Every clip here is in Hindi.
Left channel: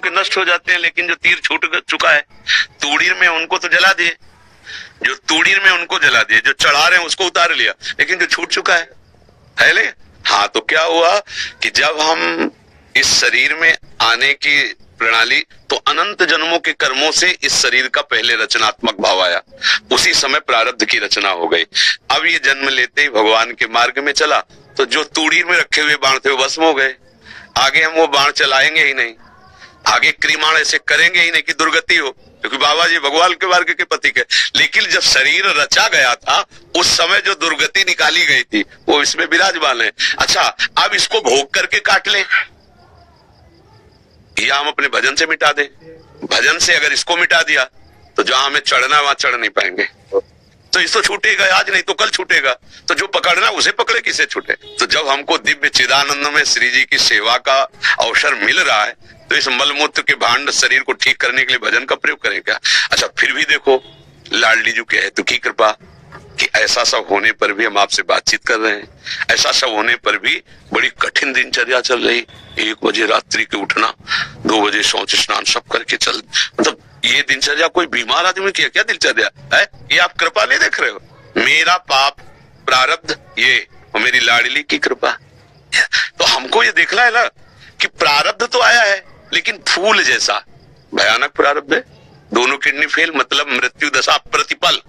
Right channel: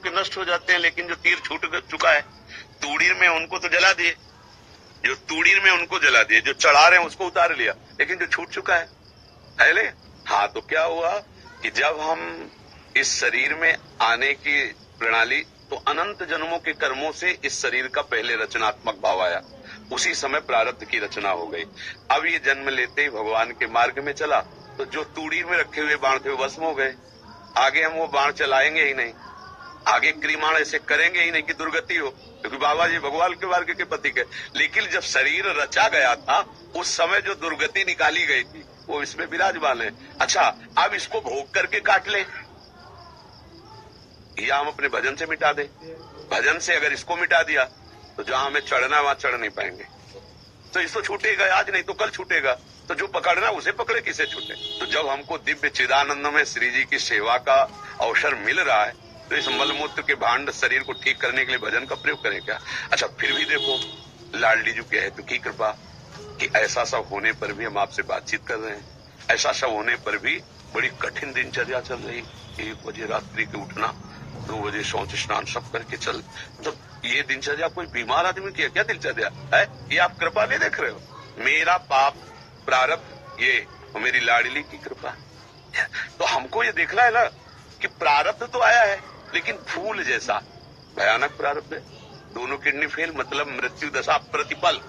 के नष्ट हो जाते हैं, लेकिन जो तीर छूट चुका है तूड़ीर में उनको तो जला दिए, जो तूड़ीर में उनको जला दिए, जो चढ़ा रहे हैं उसको उतार लिया, लेकिन जो छूट चुका है ले। हाँ, तो क्या हुआ कि जब हम इस शरीर में आने की प्रणाली, तो अनंत जन्मों के कर्मों से इस शरीर का पहले रचनात्मक भाव आया, उसी समय प्रारब्ध की रचना हो गई। अब ये जन्म लेते ही भगवान के मार्ग में चला, तो जो तूड़ी में रखे हुए बाण थे वो भस्म हो गए। आगे हम वो बाण चलाएंगे ही नहीं, आगे क्रीमाण ऐसे करेंगे ही नहीं कि दुर्गति हो, क्योंकि बाबा जी भगवान के मार्ग के प्रतीक है। लेकिन जब शरीर रचा गया था उस समय जो दुर्गति निकाली गई थी वो इसमें विराजमान है। अच्छा, अब इसको भोग करके काट ले या हम अपने भजन से मिटा दे। भजन से अगर इसको मिटा दिया तो जहां हमें चढ़ना वहां चढ़ नहीं पाएंगे, तो इसको छूटेगा आज, नहीं तो कल छूटेगा। तो जो पकड़ना उसे पकड़े, किसे छूटे। तो जब हमको दिव्य चिदानंद में श्री जी की सेवा का अवसर मिल रहा है, तो इस मलमूत्र के भांड शरीर को ठीक करने के लिए भजन का प्रयोग करें क्या। अच्छा, फिर भी देखो लाडली जी के हेतु की कृपा कि ऐसा सब होने पर भी हम आपसे बातचीत कर रहे हैं, ऐसा सब होने पर भी बड़ी कठिन दिनचर्या चल रही। 1 बजे रात्रि के उठना, 2 बजे शौच स्नान सब करके चल, मतलब ये दिनचर्या कोई बीमार आदमी की है क्या दिनचर्या है? ये आप कृपा नहीं देख रहे हो? मेरा पाप प्रारब्ध ये और मेरी लाडली की कृपा। तो हमको ये देखना है ना कि प्रारब्ध तो आया है, लेकिन फूल जैसा भयानक प्रारब्ध है। दोनों किडनी फेल, मतलब मृत्यु दशा प्रतिपल।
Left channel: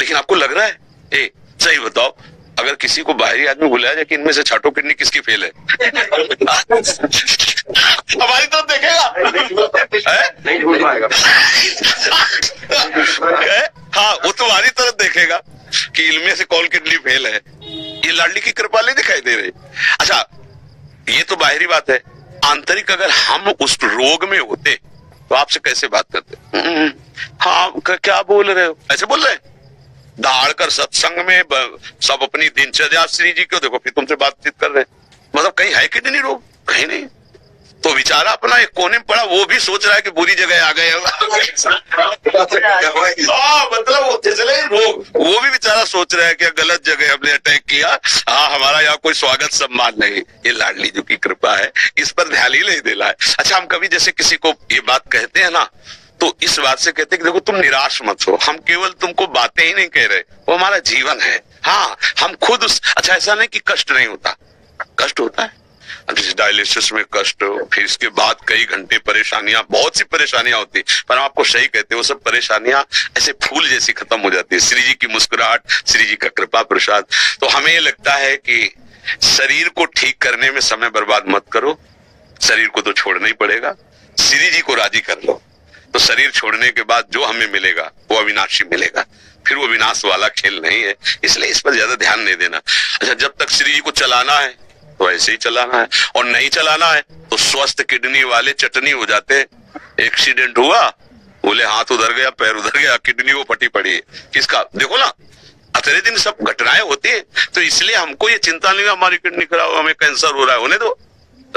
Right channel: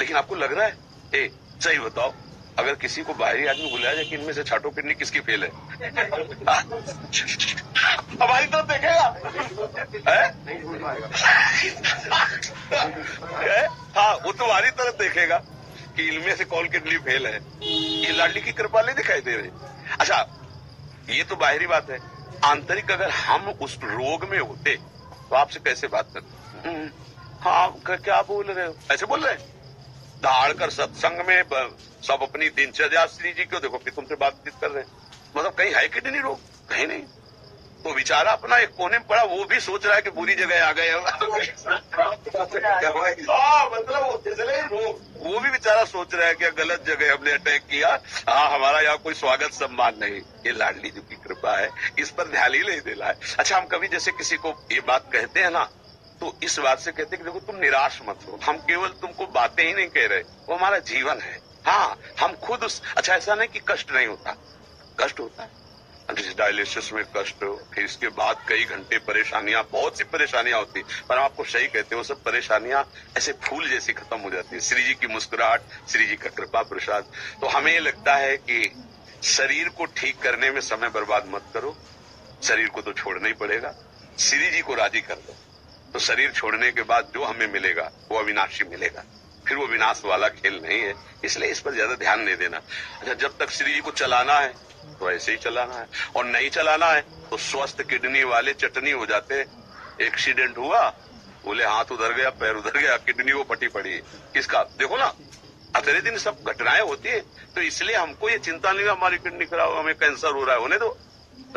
लेकिन आपको लग रहा है, ए सही बताओ, अगर किसी को बाहरी आदमी बुलाया जाए कि इनमें से छठों किडनी किसकी फेल है, हमारी तरफ देखेगा नहीं भूल पाएगा। हाँ, वो तुम्हारी तरफ देखेगा कि इनमें से कौन किडनी फेल है। ये लाडली की कृपा नहीं दिखाई दे रही। अच्छा, ये तो बाहरी बात है। आंतरिक अगर हम उस रोग में होते तो आपसे कैसे बात करते? हाँ, क्या बोल रहे हो, ऐसे बोल रहे हैं दहाड़ कर सत्संग में सब अपनी दिनचर्या श्री जी को देखो, फिर तुमसे बातचीत कर रहे हैं। मतलब कहीं है कि नहीं रोग? कहीं नहीं। तो बेचारा अपना एक कोने में पड़ा, वो भी सोच रहा है कि बुरी जगह आ गए। मतलब चले रोग, वो भी बेचारा सोच रहा है कि गलत जगह हमने अटैक किया, हाँ हमारा यहाँ कोई स्वागत सम्मान नहीं। ये लाडली जी की कृपा है, इस पर ध्यान ही नहीं देना है। अच्छा, हम कभी जैसे किसी को ये बात कहते हैं ना, तो इस बात से कहते हैं कि देखो तुम निराश मत हो, हम केवल तुमको बातें ही नहीं कह रहे, वो हमारा जीवन है। हाँ, हम खुद अच्छा, ऐसा नहीं कि कष्ट नहीं होता, कष्ट होता है। डायलिसिस में कष्ट, फिर इसके बाद कई घंटे परेशानियां, बहुत सी परेशानियां होती, पर हम आपको सही कहते हैं वो सब परेशानियां ऐसे फूल जैसी खत्म हो जाती है। श्री जी की मुस्कुराहट, श्री जी का कृपा प्रसाद। तो हमें ये लगता है कि शरीर को ठीक करने में समय बर्बाद मत करो, शरीर को तो छोड़ना ही पड़ेगा, श्री जी को राजी कर लो, तो शरीर छोड़ने के बाद जो हमें मिलेगा वो अविनाशी मिलेगा। फिर वो विनाश वाला खेल नहीं है, इसलिए इस पर ज्यादा ध्यान नहीं देना। अच्छा, जब तक श्री जी को चलाना है तो ऐसे ही चलाना है, और नहीं चलाना है तो स्वस्थ किडनी वाले चटनी हो जाते। एक्सीडेंट हुआ, बोले हाथ उधर गया, पैर उधर गया, किडनी वो फटी पड़ी है। किसका? देखो ना, अतरे दिन सब घटनाएं होती है। तो इसलिए हमको ये चिंता नहीं है हमारी किडनी खराब, हमें कैंसर हो रहा है, होने दो,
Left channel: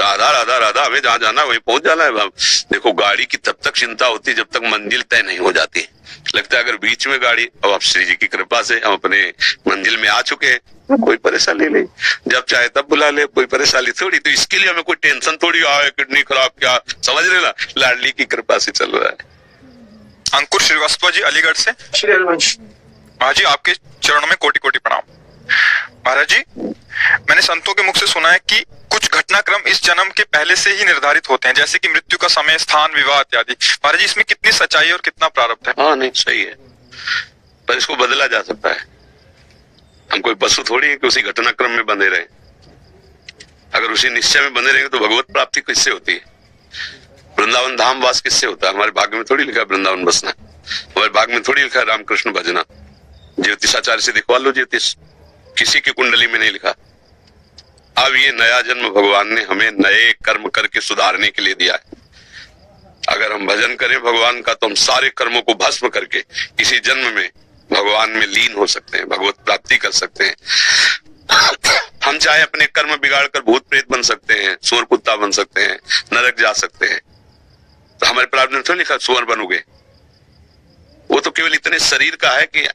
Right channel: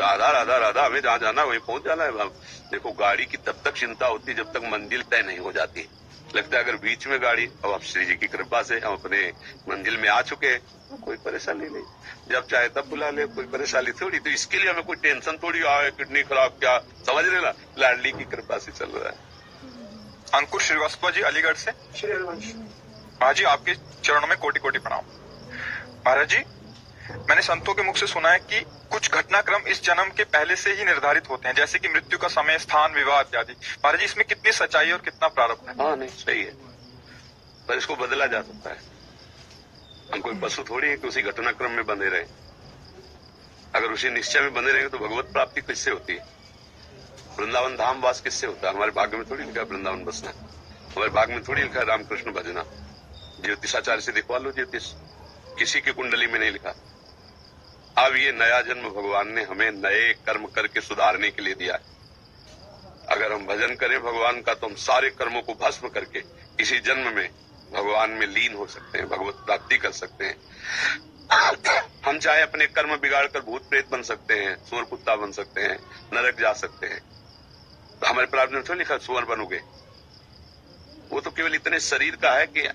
राधा राधा राधा, हमें जहाँ जाना है वहीं पहुंच जाना है। देखो, गाड़ी की तब तक चिंता होती है जब तक मंजिल तय नहीं हो जाती। लगता है अगर बीच में गाड़ी, अब आप श्री जी की कृपा से हम अपने मंजिल में आ चुके हैं, कोई परेशानी नहीं, जब चाहे तब बुला ले, कोई परेशानी थोड़ी। तो इसके लिए हमें कोई टेंशन थोड़ी आए किडनी खराब क्या, समझ रहे ना, लाडली की कृपा से चल रहा है। अंकुर श्रीवास्तव जी अलीगढ़ से। महाराज जी, आपके चरणों में कोटि कोटि प्रणाम। महाराज जी, मैंने संतों के मुख से सुना है कि कुछ घटनाक्रम इस जन्म के पहले से ही निर्धारित होते हैं, जैसे कि मृत्यु का समय, स्थान, विवाह इत्यादि। महाराज जी, इसमें कितनी सच्चाई और कितना प्रारब्ध है? हाँ, नहीं सही है, पर इसको बदला जा सकता है। हम कोई पशु थोड़ी है कि उसी घटनाक्रम में बंधे रहे। अगर उसी निश्चय में बंधे रहेंगे तो भगवत प्राप्ति किससे होती है? वृंदावन धाम वास किससे होता है? हमारे भाग्य में थोड़ी लिखा है वृंदावन बसना, हमारे भाग्य में थोड़ी लिखा है रामकृष्ण भजना। ज्योतिषाचार्य से दिखवा लो ज्योतिष, किसी की कुंडली में नहीं लिखा। अब ये नया जन्म भगवान ने हमें नए कर्म करके सुधारने के लिए दिया है। अगर हम भजन करें भगवान का तो हम सारे कर्मों को भस्म करके इसी जन्म में भगवान में लीन हो सकते हैं, भगवत प्राप्ति कर सकते हैं। हम चाहे अपने कर्म बिगाड़कर भूत प्रेत बन सकते हैं, सुअर कुत्ता बन सकते हैं, नरक जा सकते हैं। तो हमारे प्रारब्ध में थोड़ा लिखा सुअर बनोगे, वो तो केवल इतने शरीर का है कि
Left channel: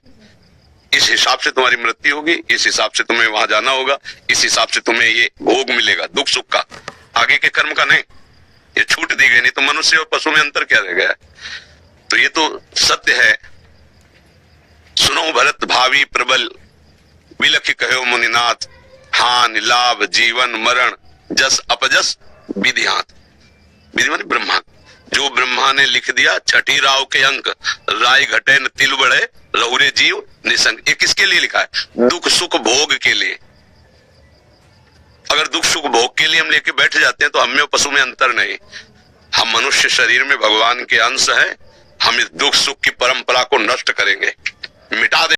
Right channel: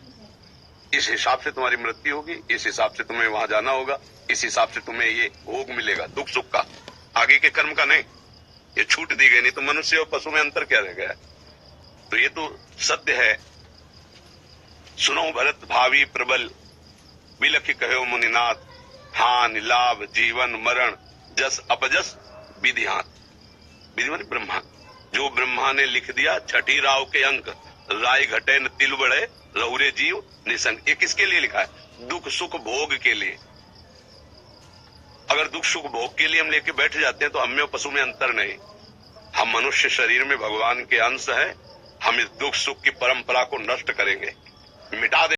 इस हिसाब से तुम्हारी मृत्यु होगी, इस हिसाब से तुम्हें वहां जाना होगा, इस हिसाब से तुम्हें ये भोग मिलेगा दुख सुख का, आगे के कर्म का नहीं। ये छूट तो मनुष्य और पशु में अंतर क्या रह गया? तो ये तो सत्य है। सुनो भरत भावी प्रबल, विलख कहो मुनिनाथ, हानि लाभ जीवन मरण, जस अपजस विधिहात। विधि माने ब्रह्मा, जो ब्रह्मा ने लिख दिया छठी राव के अंक, राय घटे न तिल बढ़े, रहुरे जीव निसंग। ये किसके लिए लिखा है? दुख सुख भोग के लिए। अगर दुख सुख भोग के लिए हम लेके बैठ जाते हैं तो हमें पशु में अंतर नहीं। हम मनुष्य शरीर में भगवान के अंश हैं, हम इस दुख सुख की परंपरा को नष्ट करेंगे, मिटा देंगे।